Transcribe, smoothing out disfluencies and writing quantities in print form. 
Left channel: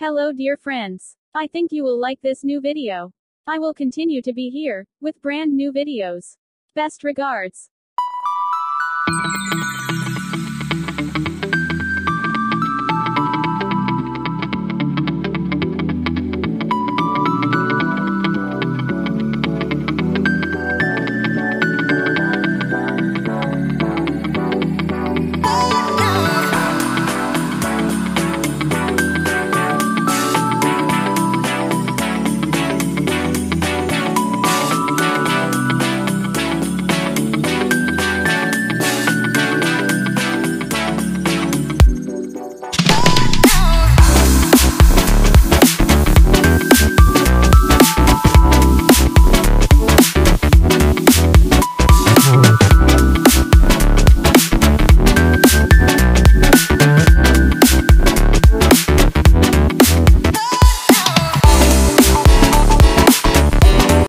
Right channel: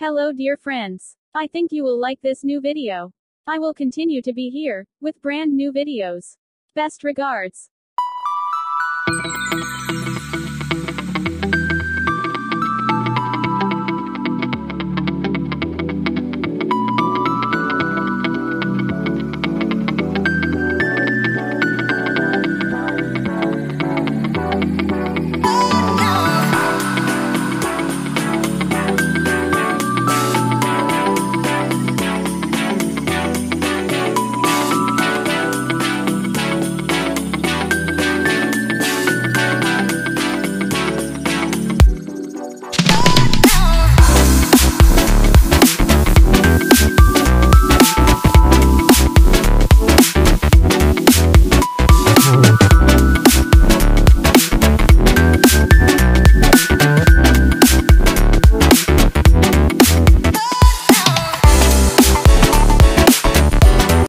Hello dear friends. I think you will like this new video. I will continue to be here, with brand new videos. Best regards.